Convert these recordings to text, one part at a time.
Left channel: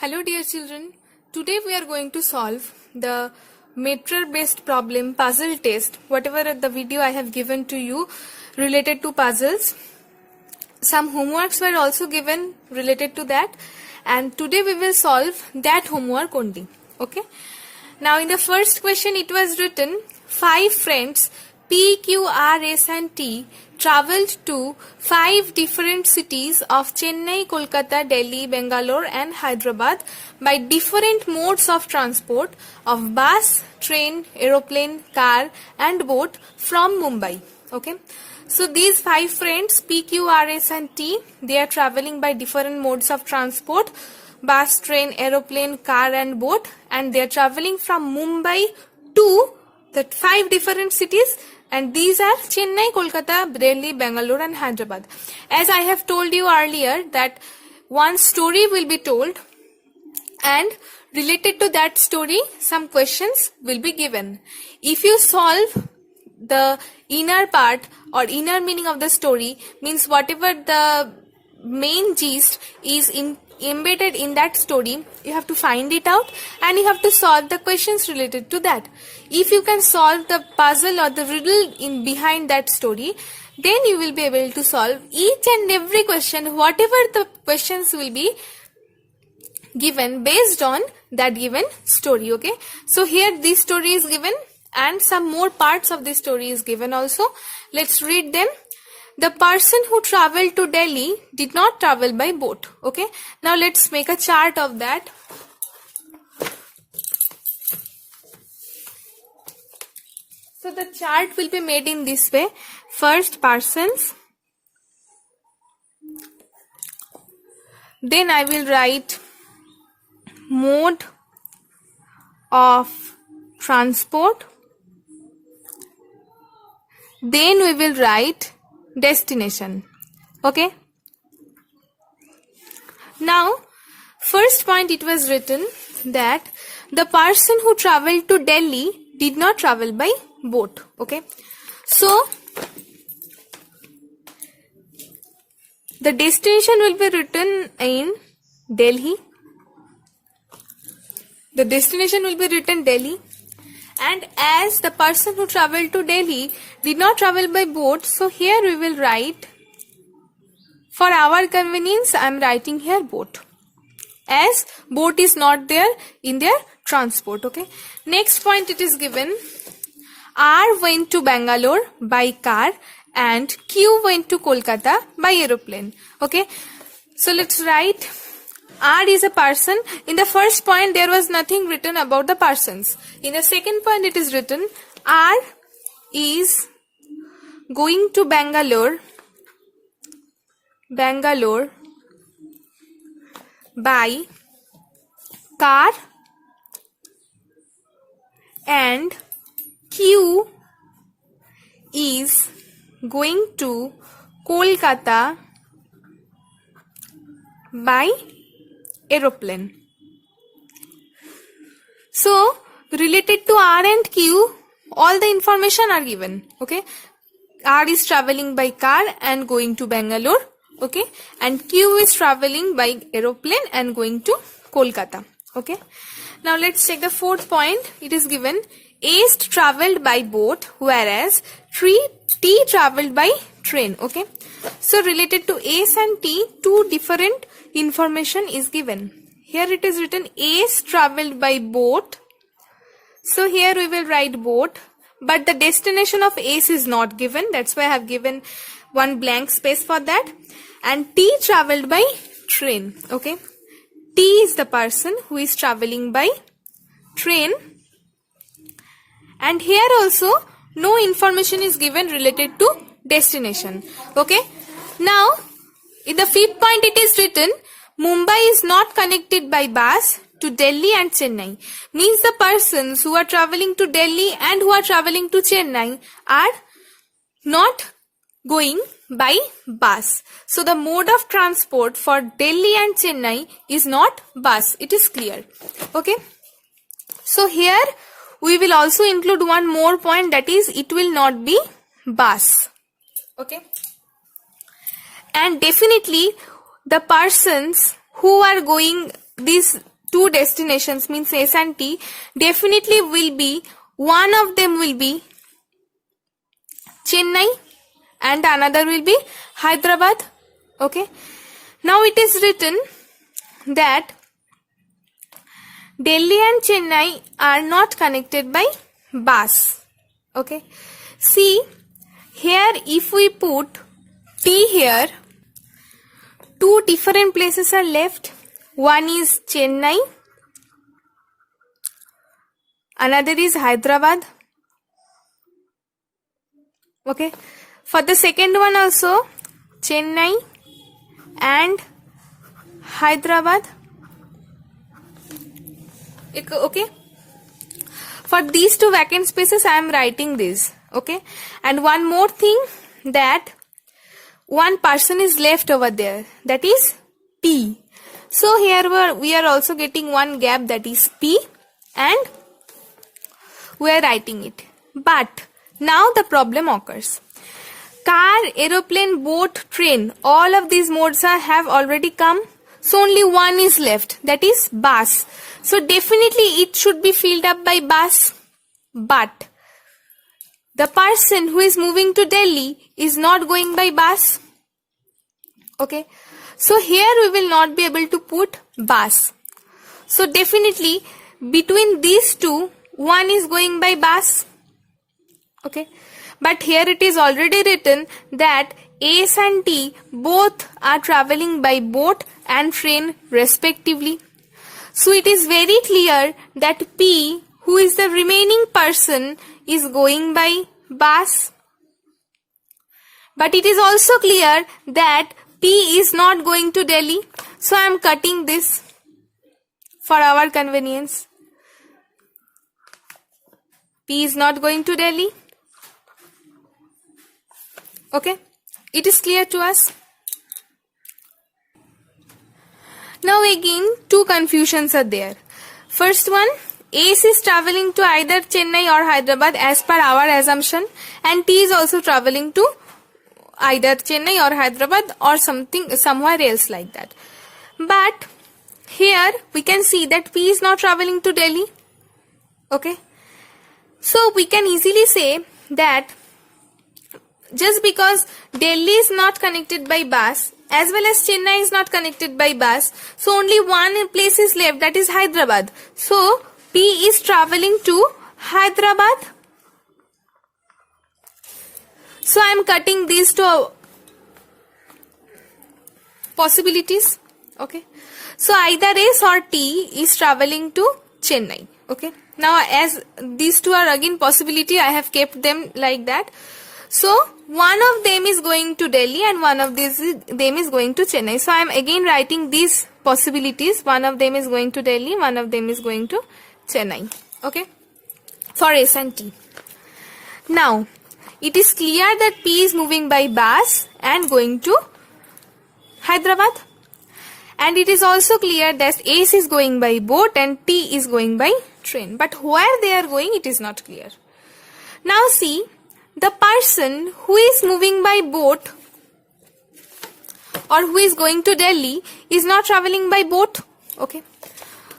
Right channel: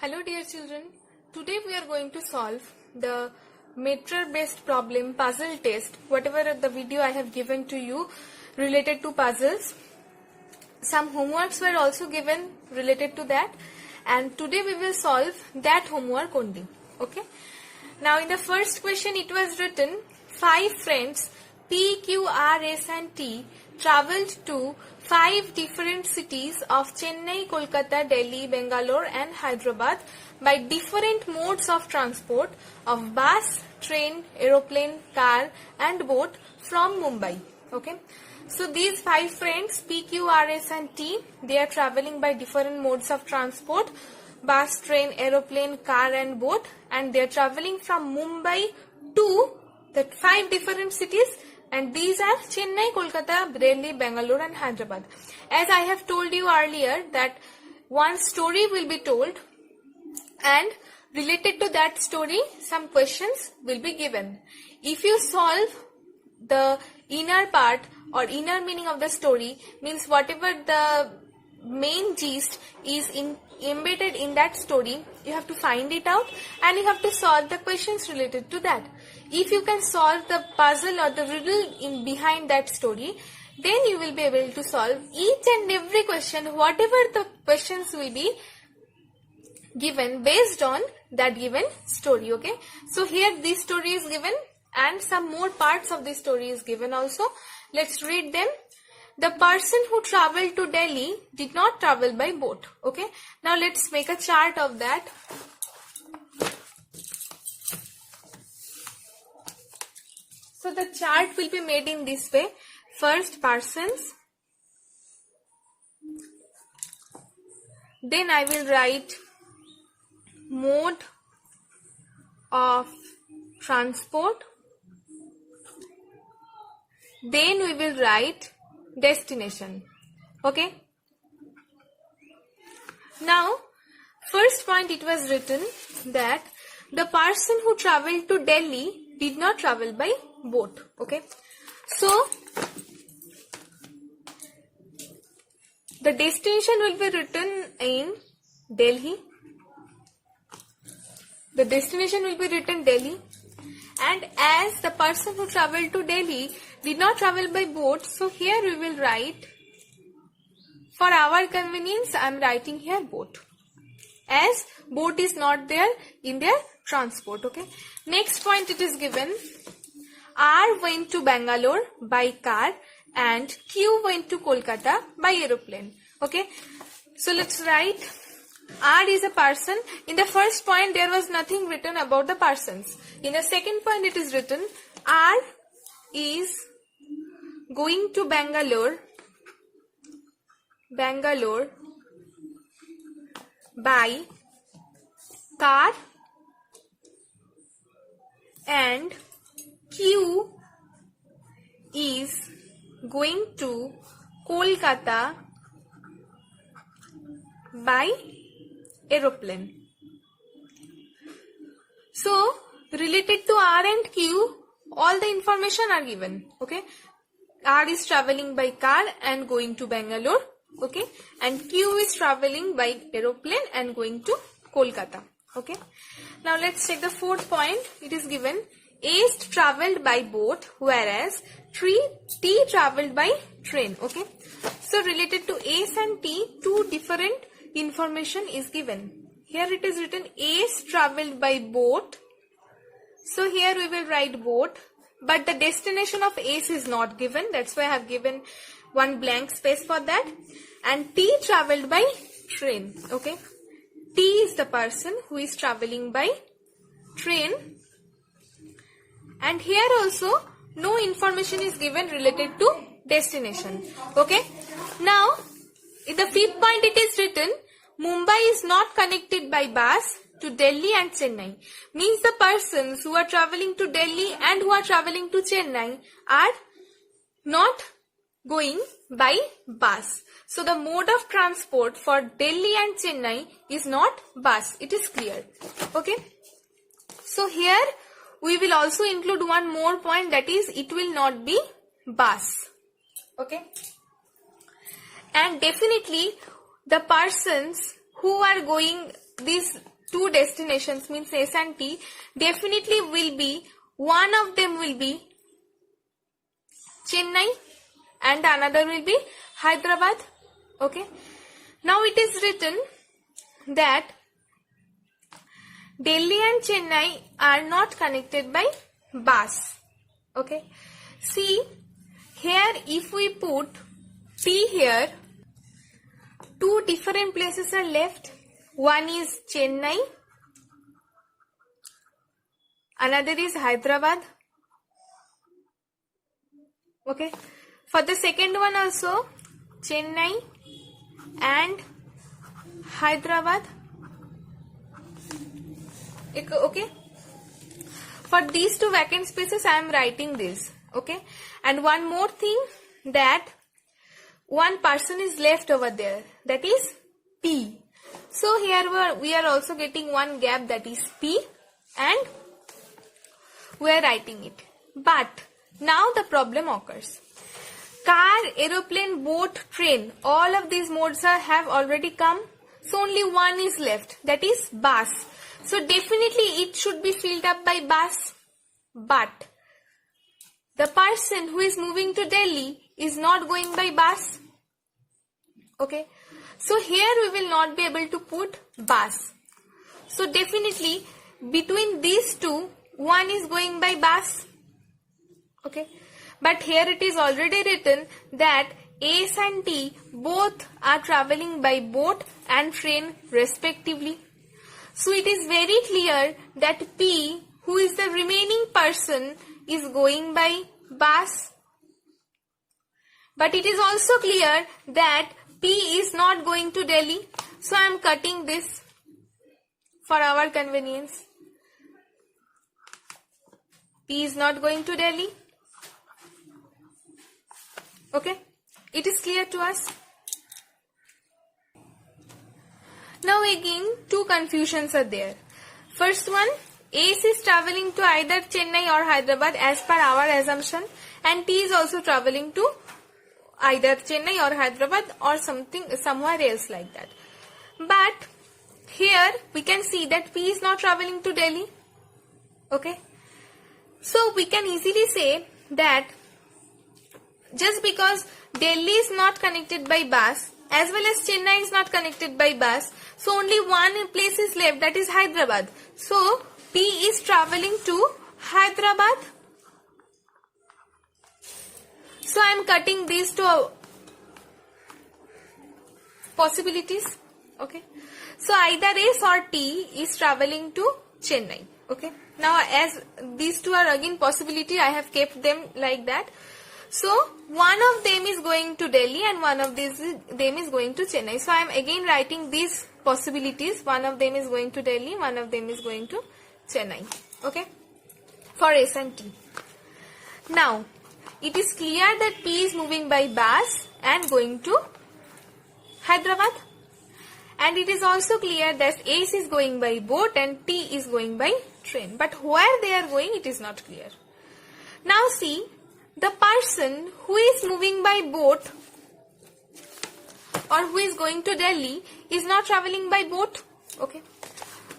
Hello dear children, today we are going to solve the meter based problem puzzle test, whatever the video I have given to you related to puzzles. Some homeworks were also given related to that, and today we will solve that homework only. Okay. Now in the first question it was written 5 friends P, Q, R, S and T travelled to 5 different cities of Chennai, Kolkata, Delhi, Bangalore and Hyderabad by different modes of transport of bus, train, aeroplane, car and boat from Mumbai. Okay. So these 5 friends P, Q, R, S and T, they are travelling by different modes of transport, bus, train, aeroplane, car and boat, and they are travelling from Mumbai to the 5 different cities, and these are Chennai, Kolkata, Delhi, Bangalore and Hyderabad. As I have told you earlier that one story will be told, and related to that story some questions will be given. If you solve the inner part or inner meaning of the story, means whatever the main gist is embedded in that story, you have to find it out and you have to solve the questions related to that. If you can solve the puzzle or the riddle in behind that story, then you will be able to solve each and every question, whatever the questions will be given based on that given story. Okay, so here this story is given and some more parts of this story is given also. Let's read them. The person who traveled to Delhi did not travel by boat. Okay, now let's make a chart of that. So the chart will be made in this way. First persons, then I will write mode of transport, then we will write destination. Okay, now first point it was written that the person who traveled to Delhi did not travel by boat. Okay, so the destination will be written in Delhi. The destination will be written Delhi, and as the person who traveled to Delhi did not travel by boat, so here we will write, for our convenience I am writing here boat, as boat is not there in their transport. Okay, next point it is given, R went to Bangalore by car and Q went to Kolkata by aeroplane. Okay, so let's write R is a person. In the first point there was nothing written about the persons. In the second point it is written R is going to Bangalore by car and Q is going to Kolkata by aeroplane. So related to R and Q, all the information are given. Okay, R is traveling by car and going to Bangalore. Okay, and Q is traveling by aeroplane and going to Kolkata. Okay, now let's check the fourth point. It is given A traveled by boat, whereas T traveled by train. Okay, so related to Ace and T, two different information is given. Here it is written Ace traveled by boat, so here we will write boat, but the destination of Ace is not given, that's why I have given one blank space for that. And T traveled by train. Okay, T is the person who is traveling by train, and here also no information is given related to destination. Okay, now in the fifth point it is written Mumbai is not connected by bus to Delhi and Chennai. Means the persons who are travelling to Delhi and who are travelling to Chennai are not going by bus. So the mode of transport for Delhi and Chennai is not bus. It is clear. Okay, so here we will also include one more point, that is it will not be bus. Okay, and definitely the persons who are going these two destinations means S and T, definitely will be, one of them will be Chennai and another will be Hyderabad. Okay. Now it is written that Delhi and Chennai are not connected by bus. Okay. See, here if we put T here, two different places are left. One is Chennai, another is Hyderabad. Okay. For the second one also, Chennai and Hyderabad. Okay. For these two vacant spaces, I am writing this. Okay. And one more thing, that one person is left over there. That is P. So here we are also getting one gap, that is P, and we are writing it. But now the problem occurs. Car, aeroplane, boat, train, all of these modes have already come. So only one is left, that is bus. So definitely it should be filled up by bus. But the person who is moving to Delhi is not going by bus. Okay. So here we will not be able to put bus. So definitely between these two, one is going by bus. Okay. But here it is already written that S and T both are traveling by boat and train respectively. So it is very clear that P, who is the remaining person, is going by bus. But it is also clear that P is not going to Delhi. So I am cutting this for our convenience. P is not going to Delhi. Okay. It is clear to us. Now again, two confusions are there. First one, S is traveling to either Chennai or Hyderabad as per our assumption, and T is also traveling to either Chennai or Hyderabad or somewhere else like that. But here we can see that P is not traveling to Delhi. Okay. So we can easily say that just because Delhi is not connected by bus as well as Chennai is not connected by bus, so only one place is left, that is Hyderabad. So P is traveling to Hyderabad. So I am cutting these two possibilities. Okay. So either S or T is traveling to Chennai. Okay. Now as these two are again possibility, I have kept them like that. So one of them is going to Delhi and one of them is going to Chennai. So I am again writing these possibilities. One of them is going to Delhi, one of them is going to Chennai. Okay. For S and T. Now it is clear that P is moving by bus and going to Hyderabad. And it is also clear that S is going by boat and T is going by train. But where they are going, it is not clear. Now see, the person who is moving by boat or who is going to Delhi is not traveling by boat. Okay.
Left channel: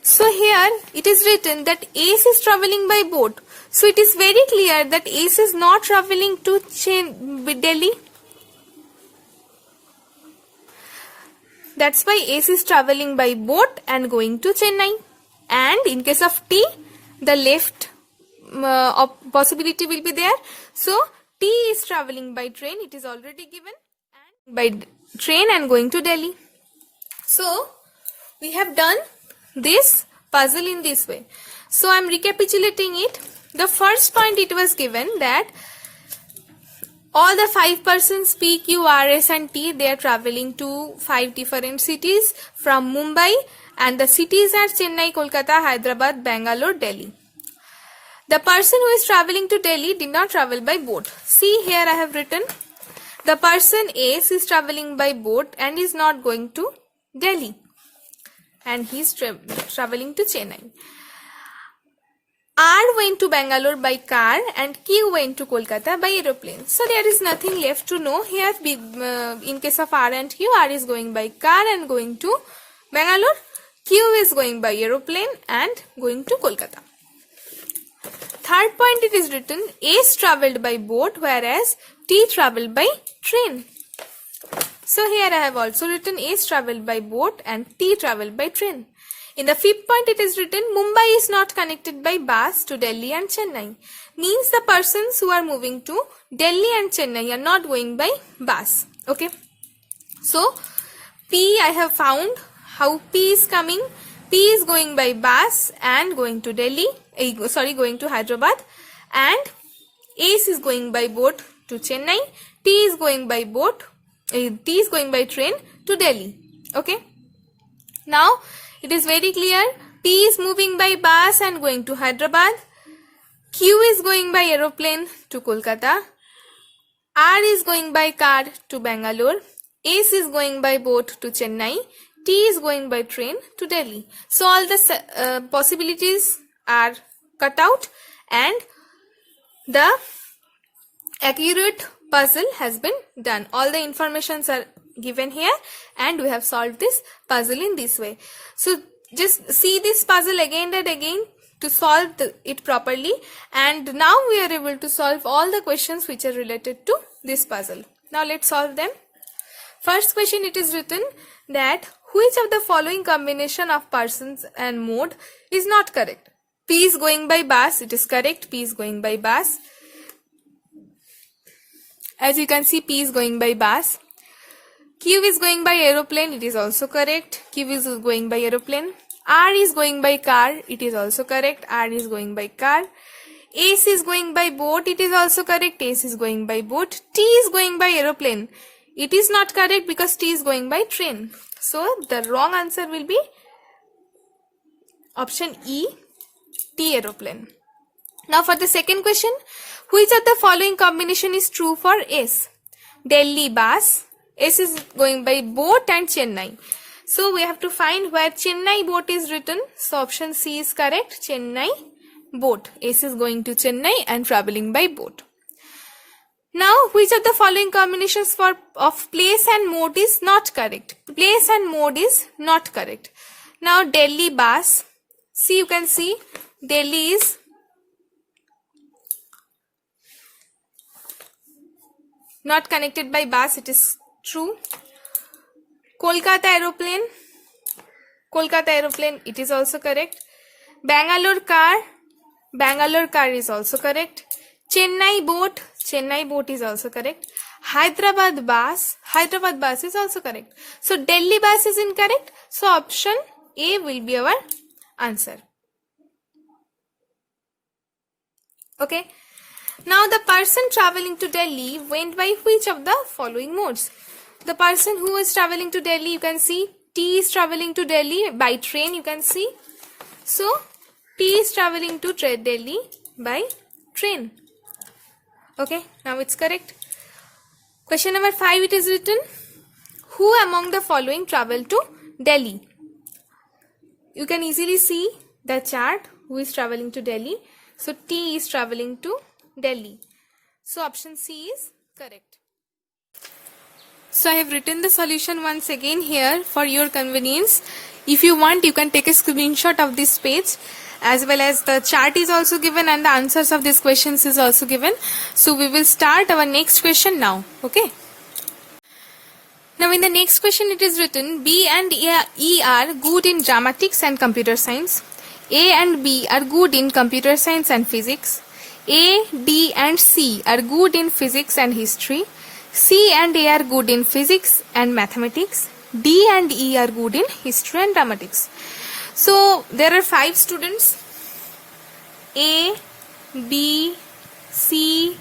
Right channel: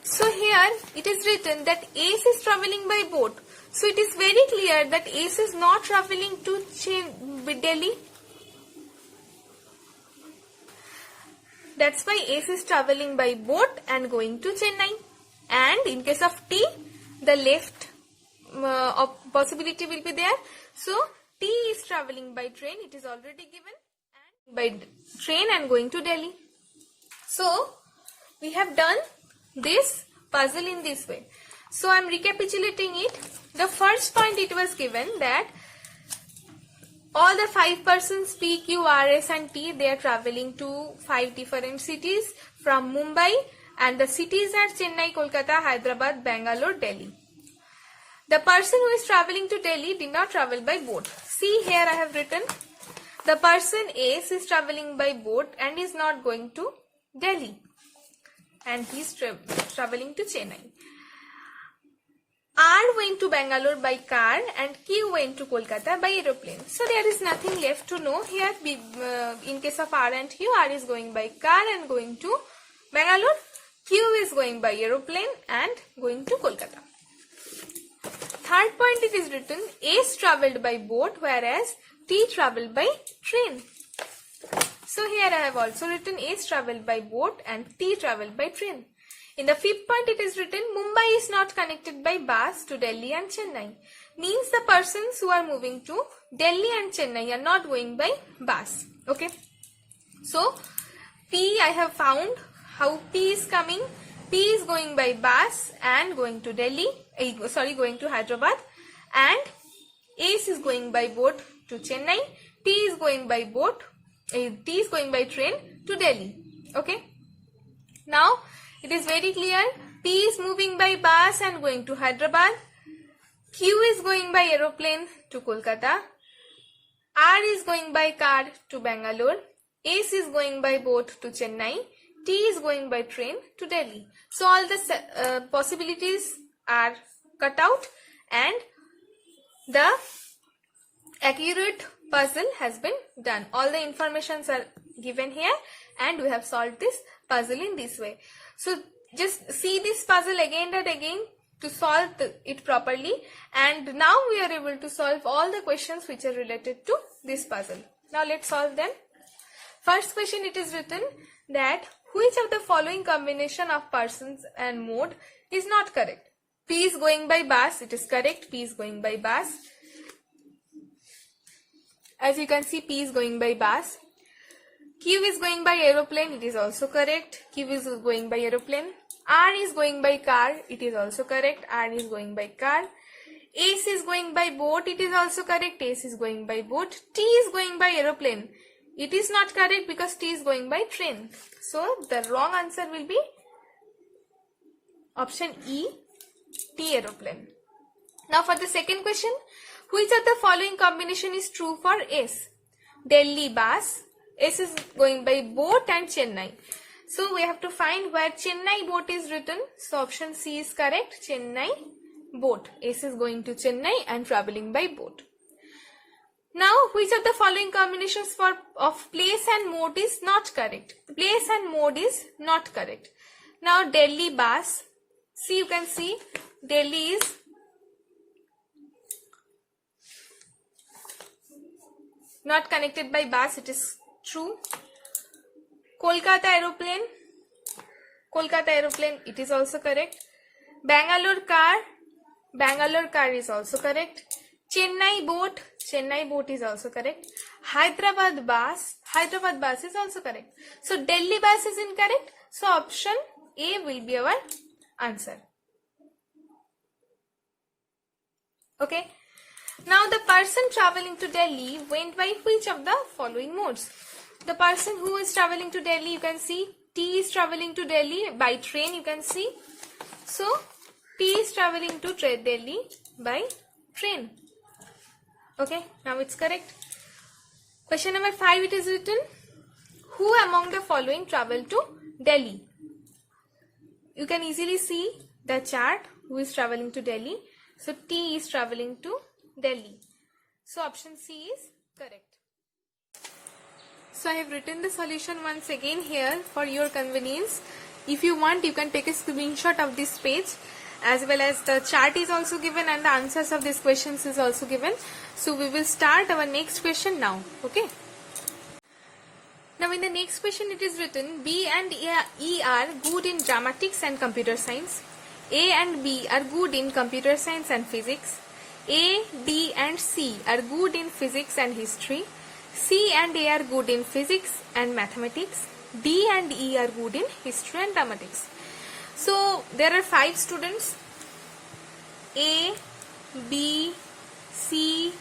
So here it is written that S is traveling by boat. So it is very clear that S is not traveling to Delhi. That's why S is traveling by boat and going to Chennai. And in case of T, the left possibility will be there. So T is traveling by train. It is already given. And by train and going to Delhi. So we have done this puzzle in this way. So I am recapitulating it. The first point it was given that all the 5 persons P, Q, R, S and T, they are traveling to 5 different cities from Mumbai, and the cities are Chennai, Kolkata, Hyderabad, Bangalore, Delhi. The person who is traveling to Delhi did not travel by boat. See here I have written the person S is traveling by boat and is not going to Delhi, and he is traveling to Chennai. R went to Bangalore by car and Q went to Kolkata by aeroplane. So there is nothing left to know here. In case of R and Q, R is going by car and going to Bangalore. Q is going by aeroplane and going to Kolkata. Third point, it is written S traveled by boat whereas T traveled by train. So here I have also written S traveled by boat and T traveled by train. In the fifth point, it is written Mumbai is not connected by bus to Delhi and Chennai. Means the persons who are moving to Delhi and Chennai are not going by bus. Okay. So P, I have found how P is coming. P is going by bus and going to Delhi, going to Hyderabad, and S is going by boat to Chennai. T is going by train to Delhi. Okay. Now it is very clear. P is moving by bus and going to Hyderabad. Q is going by aeroplane to Kolkata. R is going by car to Bangalore. S is going by boat to Chennai. T is going by train to Delhi. So all the possibilities are cut out and the accurate puzzle has been done. All the informations are given here and we have solved this puzzle in this way. So just see this puzzle again and again to solve it properly, and now we are able to solve all the questions which are related to this puzzle. Now let's solve them. First question, it is written that which of the following combination of persons and mode is not correct? P is going by bus, it is correct. P is going by bus. As you can see, P is going by bus. Q is going by aeroplane, it is also correct. Q is going by aeroplane. R is going by car, it is also correct. R is going by car. S is going by boat, it is also correct. S is going by boat. T is going by aeroplane. It is not correct because T is going by train. So the wrong answer will be option E, T aeroplane. Now for the second question, which of the following combination is true for S? Delhi bus. S is going by boat and Chennai. So we have to find where Chennai boat is written. So option C is correct. Chennai boat. S is going to Chennai and traveling by boat. Now, which of the following combinations of place and mode is not correct? Place and mode is not correct. Now, Delhi bus. See, you can see Delhi is not connected by bus. It is true. Kolkata aeroplane. Kolkata aeroplane. It is also correct. Bangalore car. Bangalore car is also correct. Chennai boat. Chennai boat is also correct. Hyderabad bus. Hyderabad bus is also correct. So Delhi bus is incorrect. So option A will be our answer. Okay. Now the person traveling to Delhi went by which of the following modes? The person who is traveling to Delhi, you can see T is traveling to Delhi by train, you can see. So T is traveling to Delhi by train. Okay, now it's correct. Question number 5, it is written, who among the following traveled to Delhi? You can easily see the chart, who is traveling to Delhi. So T is traveling to Delhi. So option C is correct. So I have written the solution once again here for your convenience. If you want, you can take a screenshot of this page, as well as the chart is also given and the answers of these questions is also given. So we will start our next question now. Okay. Now in the next question it is written, B and E are good in dramatics and computer science. A and B are good in computer science and physics. A, D and C are good in physics and history. C and A are good in physics and mathematics. D and E are good in history and dramatics. So there are 5 students, A, B, C,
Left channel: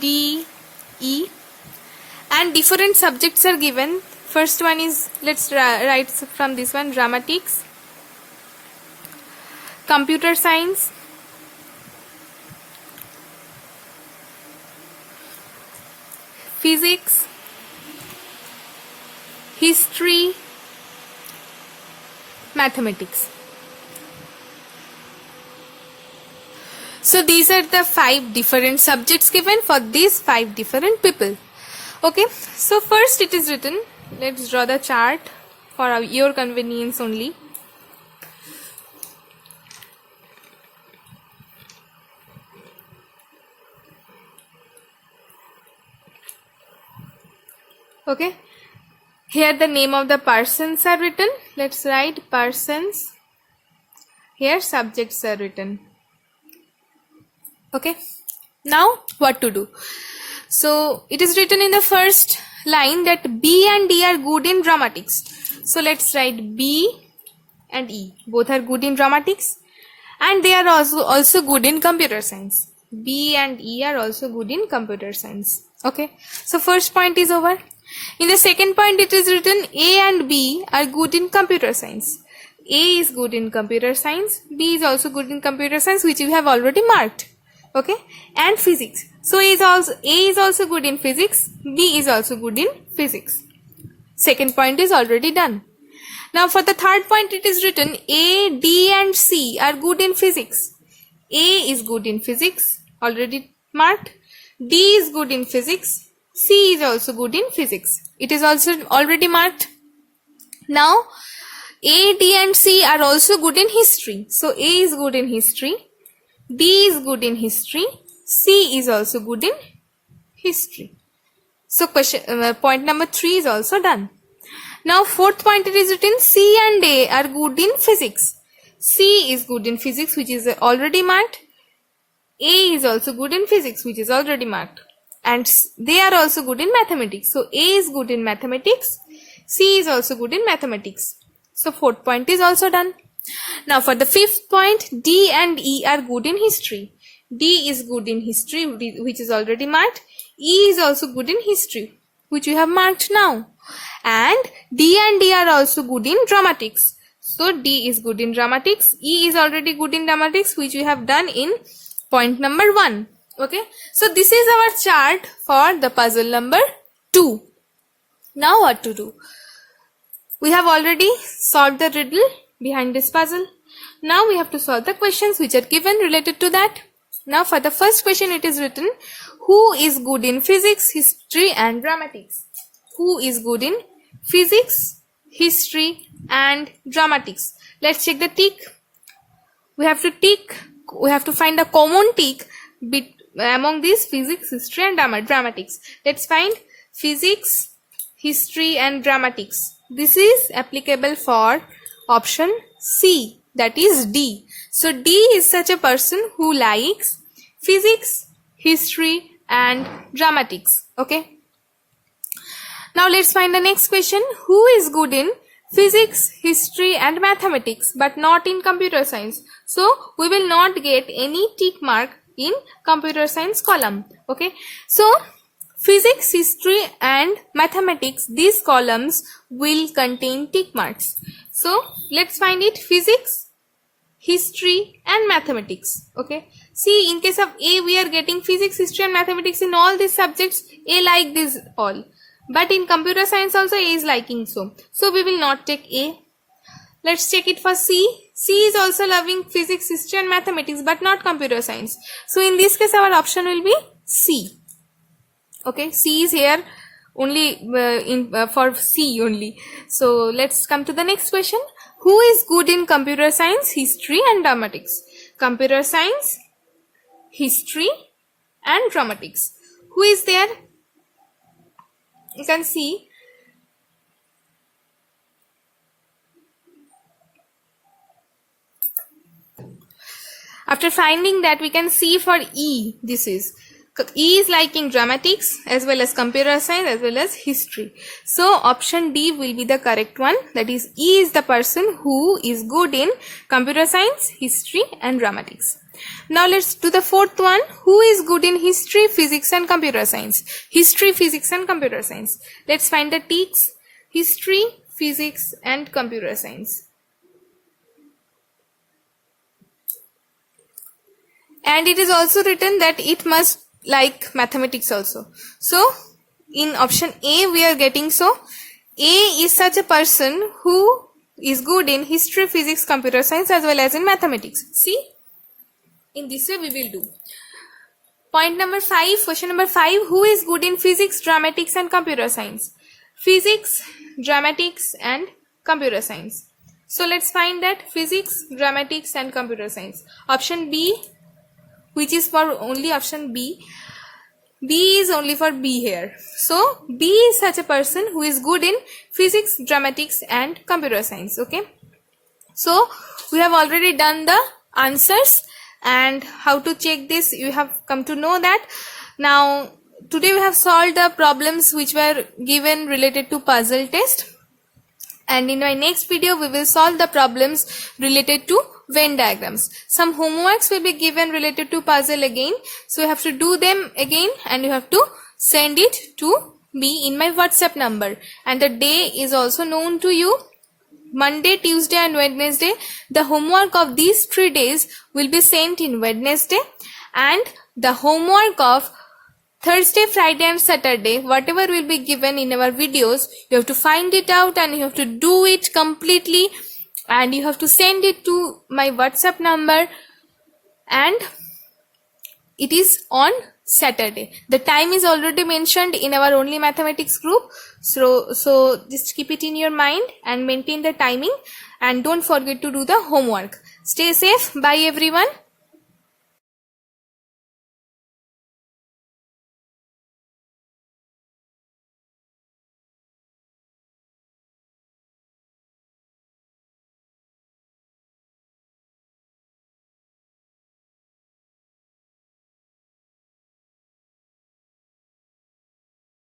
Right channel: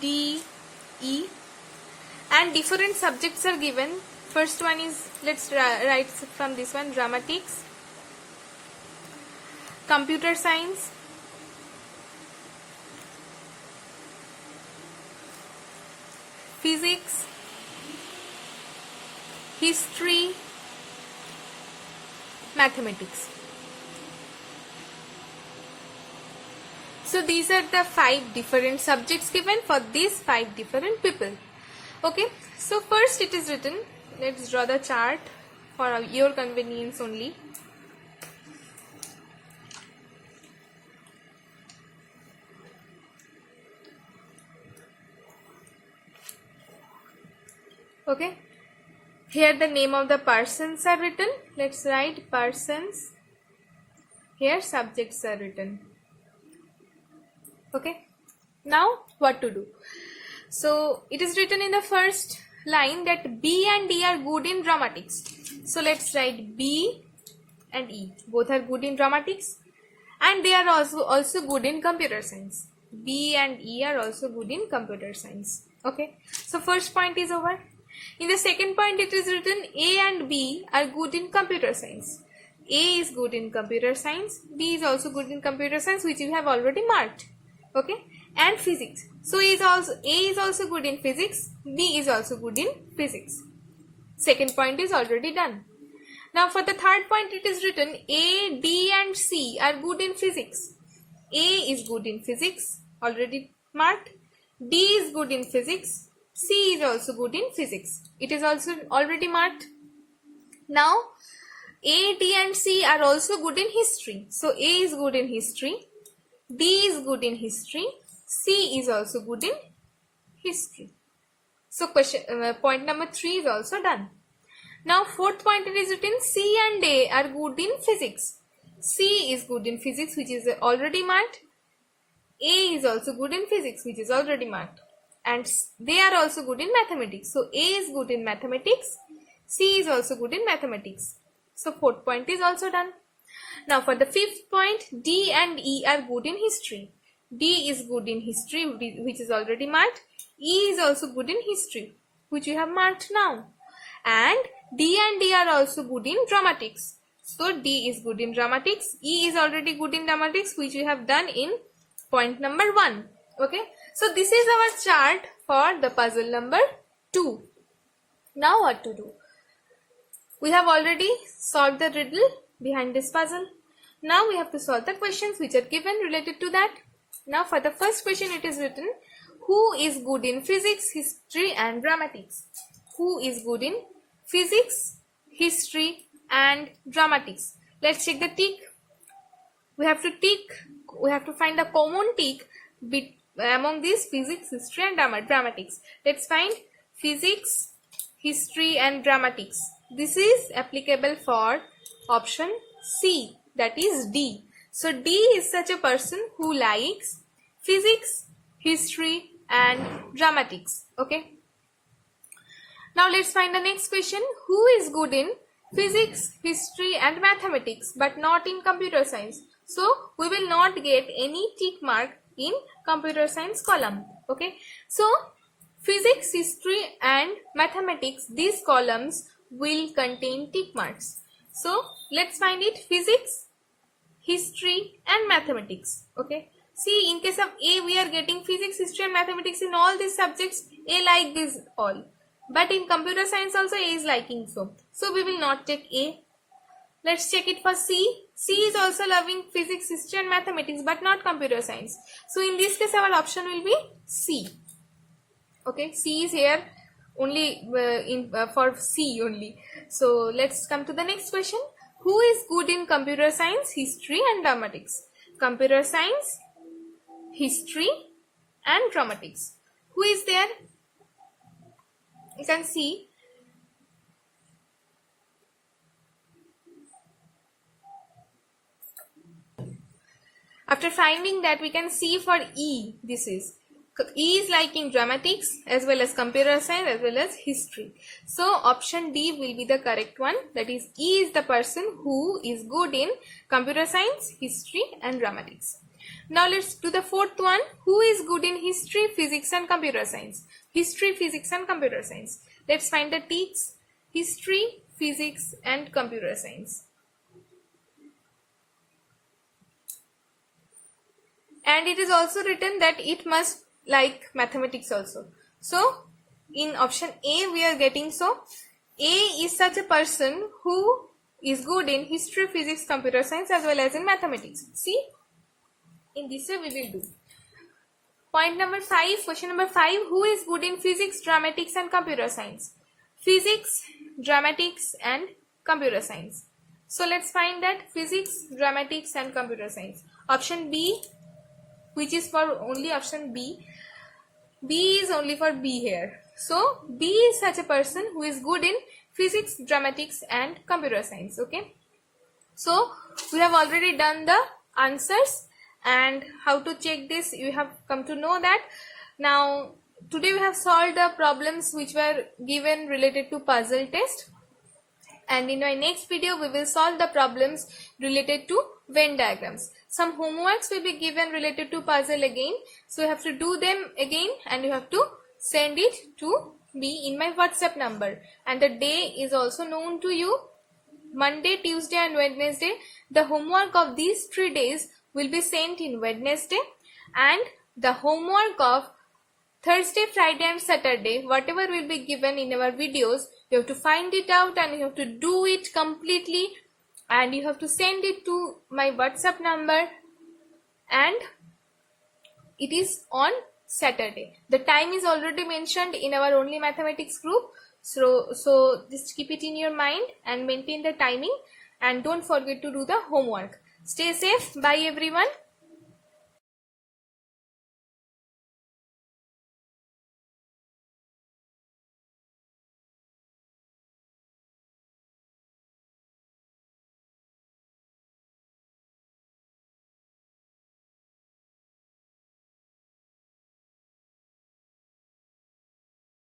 D, E, and different subjects are given. First one is, let's write from this one, dramatics, computer science, physics, history, mathematics. So these are the 5 different subjects given for these 5 different people. Okay, so first it is written, let's draw the chart for your convenience only. Okay, here the name of the persons are written. Let's write persons. Here subjects are written. Okay, now what to do? So it is written in the first line that B and D are good in dramatics. So let's write B and E. Both are good in dramatics, and they are also good in computer science. B and E are also good in computer science. Okay, so first point is over. In the second point, it is written A and B are good in computer science. A is good in computer science, B is also good in computer science, which you have already marked. Okay, and physics. So A is also good in physics, B is also good in physics. Second point is already done. Now for the third point, it is written A, D and C are good in physics. A is good in physics, already marked. D is good in physics. C is also good in physics. It is also already marked. Now A, D and C are also good in history. So A is good in history, D is good in history, C is also good in history. So point number 3 is also done. Now fourth point, it is written C and A are good in physics. C is good in physics, which is already marked. A is also good in physics, which is already marked. And they are also good in mathematics. So A is good in mathematics, C is also good in mathematics. So fourth point is also done. Now for the fifth point, D and E are good in history. D is good in history, which is already marked. E is also good in history, which you have marked now. And D and D are also good in dramatics. So D is good in dramatics. E is already good in dramatics, which we have done in point number 1. Okay, so this is our chart for the puzzle number 2. Now what to do? We have already solved the riddle behind this puzzle. Now we have to solve the questions which are given related to that. Now for the first question, it is written, who is good in physics, history and dramatics? Who is good in physics, history and dramatics? Let's check the tick. We have to find a common tick among these physics, history and dramatics. Let's find physics, history and dramatics. This is applicable for option C, that is D. So D is such a person who likes physics, history and dramatics. Okay. Now let's find the next question. Who is good in physics, history and mathematics but not in computer science? So we will not get any tick mark in computer science column. Okay. So physics, history and mathematics, these columns will contain tick marks. So let's find it. Physics, history and mathematics. Okay. See, in case of A, we are getting physics, history and mathematics in all these subjects. A like this all. But in computer science also A is liking so. So we will not take A. Let's check it for C. C is also loving physics, history and mathematics but not computer science. So in this case our option will be C. Okay, C is here only for C only. So let's come to the next question. Who is good in computer science, history and dramatics? Computer science, history and dramatics. Who is there? You can see. After finding that, we can see for E, this is E is liking dramatics as well as computer science as well as history. So option D will be the correct one. That is, E is the person who is good in computer science, history and dramatics. Now let's do the fourth one. Who is good in history, physics and computer science? History, physics and computer science. Let's find the ticks. History, physics and computer science. And it is also written that it must like mathematics also. So in option A we are getting, so A is such a person who is good in history, physics, computer science as well as in mathematics. See, in this way we will do. Point number 5, question number 5, who is good in physics, dramatics and computer science? Physics, dramatics and computer science. So let's find that. Physics, dramatics and computer science. Option B, which is for only option B. B is only for B here. So B is such a person who is good in physics, dramatics and computer science. Okay. So we have already done the answers, and how to check this you have come to know that. Now today we have solved the problems which were given related to puzzle test, and in my next video we will solve the problems related to Venn diagrams. Some homeworks will be given related to puzzle again, so you have to do them again and you have to send it to me in my WhatsApp number, and the day is also known to you. Monday, Tuesday and Wednesday. The homework of these 3 days will be sent in Wednesday, and the homework of Thursday, Friday and Saturday, whatever will be given in our videos, you have to find it out and you have to do it completely, and you have to send it to my WhatsApp number, and it is on Saturday. The time is already mentioned in our Only Mathematics group, so just keep it in your mind and maintain the timing, and don't forget to do the homework. Stay safe. Bye everyone.